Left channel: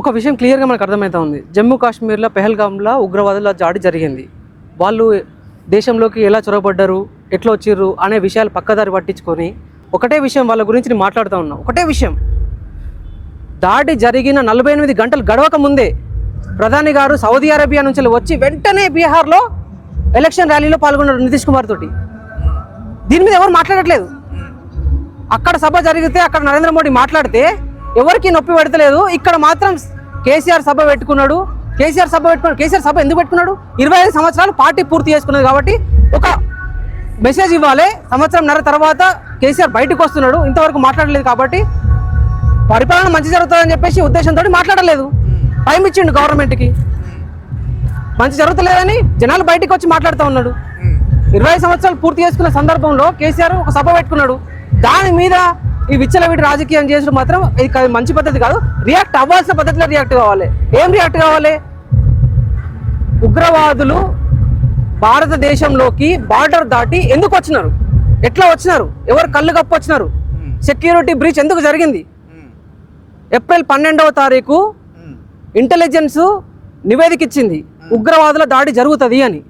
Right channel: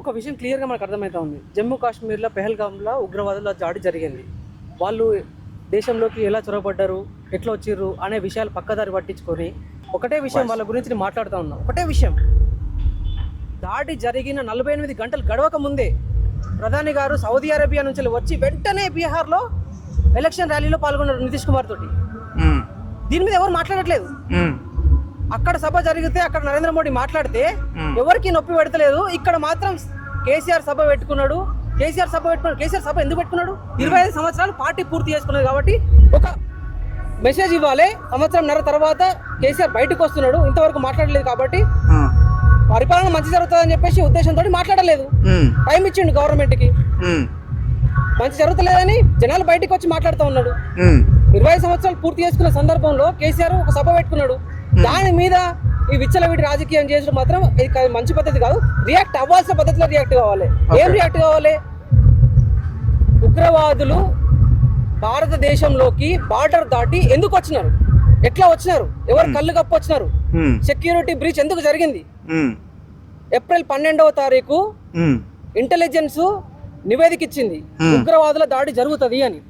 ఒక విషయం క్లియర్గా మనకు అర్థమవుతా ఉంది. జమ్మూ కాశ్మీర్లో పెహల్గామ్లో ఉగ్రవాదుల దాడి జరిగింది. వాళ్ళు దేశంలోకి ఎలా చొరబడ్డారు ఎట్లా వచ్చిర్రు అనే విషయాలు పక్కదారి పట్టించుకొని ఒకటే విషయం వాళ్ళ గురించి నేను మాట్లాడుతూ ఉన్నా. ఒకటే విషయం. దాడి జరిగిన నలభై ఎనిమిది గంటలు గడవక ముందే ప్రధాని గారు సౌదీ అరేబియా నుంచి వచ్చి వెంటనే బీహార్లో ఎలక్షన్ ర్యాలీలో పాల్గొన్నారు నితీష్ కుమార్ తోటి. దీని మీద ఎవరు మాట్లాడట్లేదు. అక్కడ సభ జరిగితే అక్కడ నరేంద్ర మోడీ మాట్లాడితే ఎవరికి నొప్పి పెడతలేదు. ఇక్కడ మాత్రం కేసీఆర్ సభ పెట్టుకున్నాడు. కేసీఆర్ సభ పెట్టుకున్నాడు. కేసీఆర్ సభ ఎందుకు పెట్టుకున్నాడు? ఇరవై ఐదు సంవత్సరాలు పార్టీ పూర్తి చేసుకున్నది కాబట్టి ఒక మెసేజ్ ఇవ్వాలి. సంవత్సరం నర తర్వాత కేసీఆర్ బయటకు వస్తున్నాడు. ఇంతవరకు మాట్లాడలేదు కాబట్టి ఉమ్, పరిపాలన మంచి జరుగుతుందని చెప్పేసి ఉద్దేశంతో మాట్లాడలేదు. ఉమ్, టైం ఇచ్చిండు గవర్నమెంట్కి. ఉమ్, మంచి జరుగుతలేదని జనాలు బయటకు వచ్చి మాట్లాడుతూ ఉన్నాడు. ఇరవై సంవత్సరాలు పూర్తి చేసుకున్న సందర్భంలో కేసీఆర్ ఒక సభ పెట్టుకున్నాడు. దాని మీద ఈ విచ్చలవిడి రాజకీయం చేసుడు మాత్రం ఇది మంచి పద్ధతి కాదు. రియాక్ట్ అవ్వాల్సిన పద్ధతిలో రియాక్ట్ కావాలి. ఏం రియాక్ట్ కావాలి? ఉగ్రవాదులు భారతదేశంలోకి బార్డర్ దాటి ఎందుకు వచ్చినారు? ఎట్లా వచ్చినారు? ఎవరు కళ్ళు కప్పు వచ్చినారు? సెక్యూరిటీ బ్రీచ్ ఎందుకు జరిగింది? ఏప్రిల్ పన్నెండవ తారీఖు ఇంటెలిజెన్స్ నివేదిక ఇచ్చింది. ఉగ్రవాదుల దాడి జరుగుతుంది అని.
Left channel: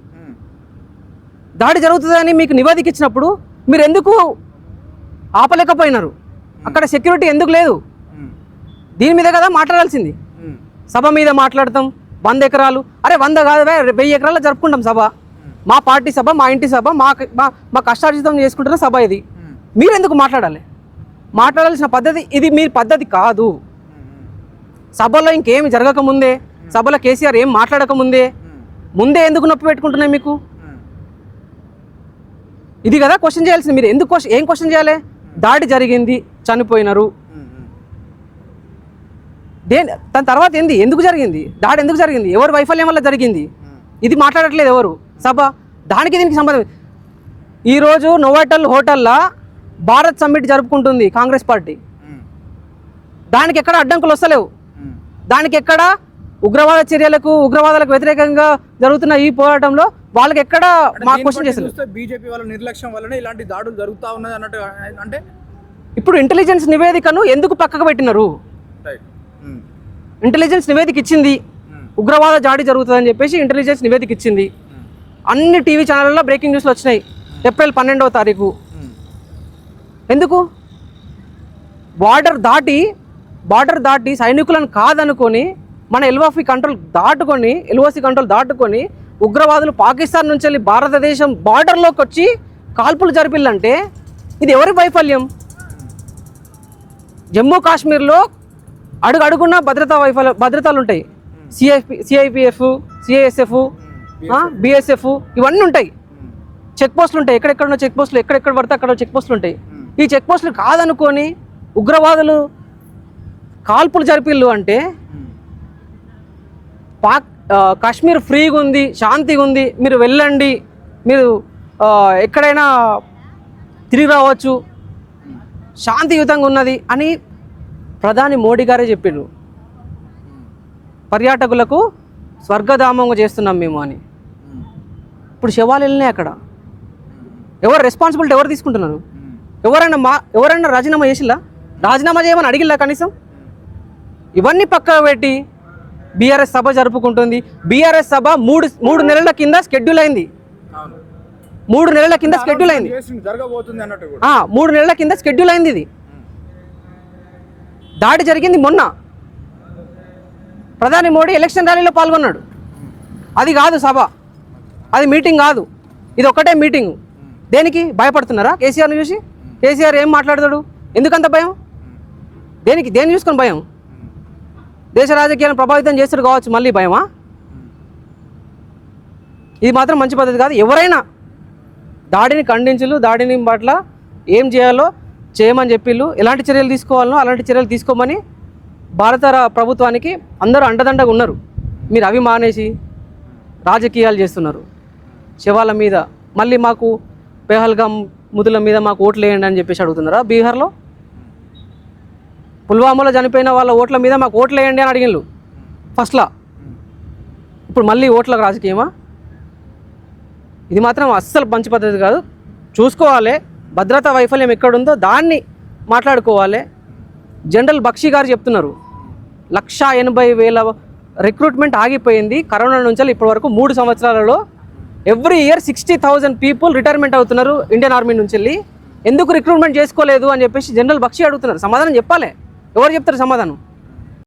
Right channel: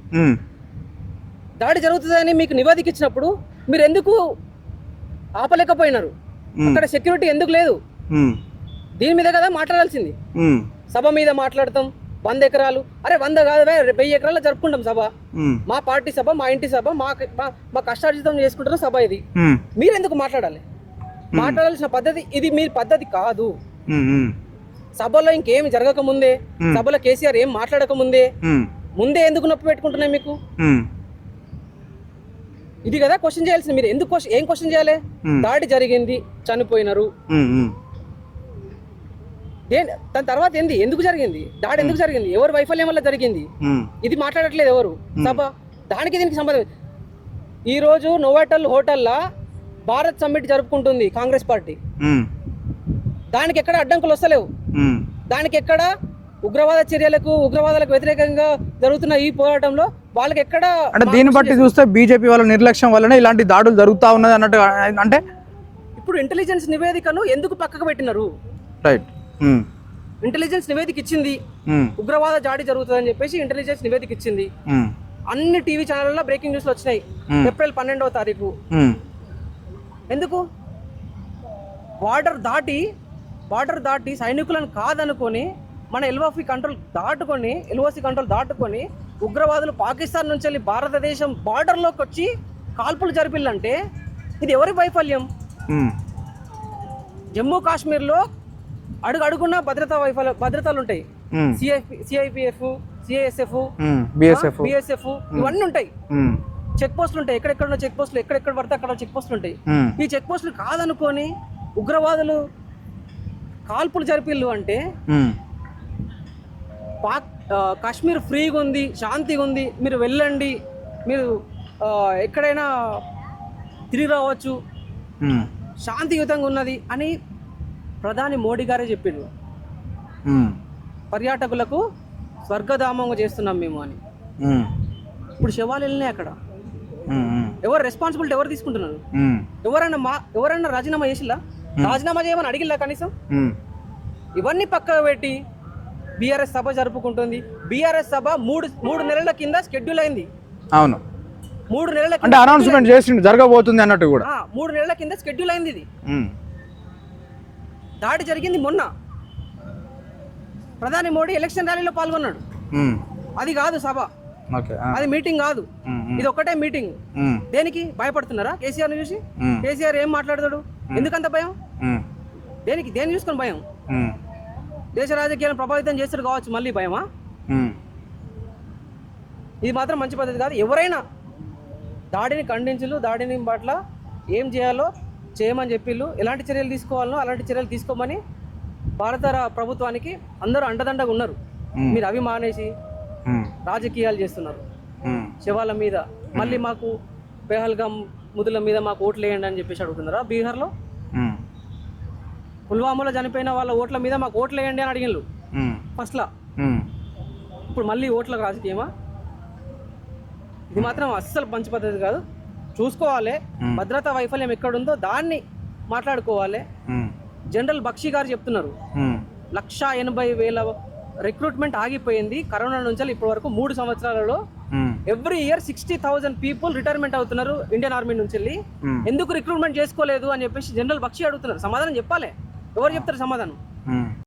దాడి జరుగుతుందని మీకు నివేదిక ఇచ్చినప్పుడు మీరు ఎందుకు ఆపలేకపోయినారు? అక్కడ సెక్యూరిటీ ఎందుకు లేదు? దీని మీద కదా మాట్లాడాల్సింది. సభ మీద మాట్లాడతాం వంద ఎకరాలు. అరే వంద కాదు వెయ్యి ఎకరాలు జరుపుకుంటాం సభ. మా పార్టీ సభ మా ఇంటి సభ మా మా కష్టార్జితం చేసుకుంటున్న సభ ఇది. మీరు ఎందుకు మాట్లాడాలి? మాట్లాడాల్సిన పద్ధతి ఇది మీ పద్ధతి కాదు. సభలో ఇంకేమి జరగక ముందే సభలో కేసీఆర్ ఏం మాట్లాడక ముందే ముందే ఎందుకు నొప్పి పెట్టుకుంటున్నాయి మీకు? ఇది కదా క్వశ్చన్ చేయాల్సింది మీరు. ఎందుకు క్వశ్చన్ ఏం క్వశ్చన్ చేయాలి? దాడి జరిగింది చనిపోయినారు. దేని దాని తర్వాత ఏంది? ఎందుకు జరిగింది? దాడి ఎందుకు జరిగింది? ఎవరు వైఫల్యం వల్ల జరిగింది? ఇది మాట్లాడట్లేదు ఎవరు? సభ దానికి దీనికి సంబంధం ఈ రోజు నోవాటల్ హోటల్లో భారత్ సమ్మిట్ జరుపుకుంటుంది కాంగ్రెస్ పార్టీ. దానికి ఎక్కడ అడ్డంకులు వస్తలేవు. దానికి ఎక్కడ ఉగ్రవాద చర్యలకు ఉగ్రవాదాలకు వ్యతిరేకంగా జరుగుతున్న ఈ పోరాటంలో వాళ్ళకి ఎక్కడ అంటే దీన్ని బట్టి. చూస్తే బీజేపీ వాళ్ళ నిర్లక్ష్యం వల్లనే ఇలాంటి దాడులు జరుగుతా ఉన్నది అన్నట్టు అంటే ఇప్పుడు ఇంటెలిజెన్స్ నివేదికను ఎందుకు పక్కకు పెట్టినారు? రైట్. ఇంటెలిజెన్స్ నివేదిక ఇచ్చింది ఉగ్రవాద జాడి జరుగుతుందని చెప్పేసి ఇంటెలిజెన్స్ నివేదిక ఇచ్చింది అన్ని టీవీ ఛానళ్ళలో బ్రేకింగ్ న్యూస్లు వచ్చినాయి. ఏప్రిల్ పన్నెండవ తారీఖు. ఎందుకు? బార్డర్ దాటి బార్డర్ దాటి సైనికులను కాదనుకొని మన ఎల్ఓసి కంట్రోల్ దాటుకొని ఎల్ఓసి కంట్రోల్ దాటుకొని ఉగ్రవాదులు పాకిస్తాన్ నుంచి వెళ్ళి భారతదేశం బార్డర్లోకి వచ్చి కాల్పులు జరిపిల్లంటే ఇది ఎవరి వైఫల్యం? జమ్మూ కాశ్మీర్లో అడుగు అడుగున్న భద్రతా వైఫల్య భద్రతలు ఉంటాయి సిఐపి సిఐపిఎఫ్ సిఐఎస్ఎఫ్. బిఎస్ఎఫ్ ఇవన్నీ ఉంటాయి. చెక్ పోస్టులు ఉంటాయి. ఎక్కడెక్కడ ఉన్న చెక్ పోస్టులు ఎక్కడెక్కడ పడితే అక్కడ చెక్ పోస్టులు ఉంటాయి. ఈ చెక్ పోస్టులు కాదనుకొని ఉగ్రవాదులు కాల్పులు జరిపిల్లు అంటే పాక్ కాశ్మీర్ ఫ్రీగా ఉంది శాంతిగా ఉంది మీరు వెళ్ళండి మీరు ఎక్కడైనా తిరిగి రావచ్చు. శాంతియుతంగా ఉన్నది అని ప్రధాని మోడీ గారే చెప్పిండ్రు. ఉమ్, పర్యాటకులకు స్వర్గధామంగా చేస్తున్నాం మేము అని. ఇప్పుడు శవాలు వెళ్ళినాయి అక్కడ. ఎవరు రెస్పాన్సిబిలిటీ ఎవరు తీసుకుంటున్నారు? ఎవరైనా మా ఎవరైనా రాజీనామా చేసిల్లా? రాజీనామా చేయమని అడిగిల్లా కనీసం? ఇవన్నీ పక్కన పెట్టి బీఆర్ఎస్ సభ జరుపుకుంటుంది. బీఆర్ఎస్ సభ మూడు మూడు నెలల కింద షెడ్యూల్ అయింది. అవును. మూడు నెలల కింద చేసిండు జరగబోతుంది అన్నట్టు కూడా. మూడు నెలల కింద షెడ్యూల్ అయింది ఇది. దాడి జరిగింది మొన్న. ప్రధాని మోడీ ఎలక్షన్ ర్యాలీలో పాల్గొన్నాడు. అది కాదు సభ. అది మీటింగ్ కాదు. ఇది ఒకటే మీటింగ్ దేనికి? భయపడుతున్నారా? కేసీఆర్ని చూసి? కేసీఆర్ ఏం మాట్లాడతాడు? ఎందుకంత భయం? దేనికి? దేన్ని చూసుకొని భయం? దేశ రాజకీయాలను ప్రభావితం చేస్తాడు కావచ్చు మళ్ళీ భయమా? ఇది మాత్రం మంచి పద్ధతి కాదు. ఎవరైనా దాడిని ఖండించులు దాడిని పట్ల ఏం చేయాలో చేయమని చెప్పిళ్ళు. ఎలాంటి చర్యలు తీసుకోవాలనో అలాంటి చర్యలు తీసుకోమని భారత ప్రభుత్వానికి అందరూ అండదండగా ఉన్నారు. మీరు అవి మానేసి రాజకీయాలు చేస్తున్నారు. శవాల మీద. మళ్ళీ మాకు పేహల్గాం ముదుల మీద మాకు ఓట్లు వేయండి అని చెప్పేసి అడుగుతున్నారా బీహార్లో? పుల్వామాలో చనిపోయిన వాళ్ళ ఓట్ల మీద మాకు ఓట్లు వేయండి అని ఉమ్, ఫస్ట్లా. ఇప్పుడు మళ్ళీ ఓట్ల రాజకీయమా? ఇది మాత్రం అస్సలు మంచి పద్ధతి కాదు. చూసుకోవాలి. భద్రతా వైఫల్యం ఎక్కడుందో దాన్ని మాట్లాడుకోవాలి. జనరల్ బక్షి గారు చెప్తున్నారు. లక్ష ఎనభై వేల రిక్రూట్మెంట్ ఆగిపోయింది. కరోనా నుంచి ఇప్పటి వరకు మూడు సంవత్సరాలలో. Every year sixty thousand people retirement అవుతున్నారు ఇండియన్ ఆర్మీ నుంచి వెళ్ళి. ఎందుకు రిక్రూట్మెంట్ చేసుకోలేదు అని చెప్పేసి జనరల్ బక్షి అడుగుతున్నారు. సమాధానం చెప్పాలి. ఎవరు చెప్తారు సమాధానం?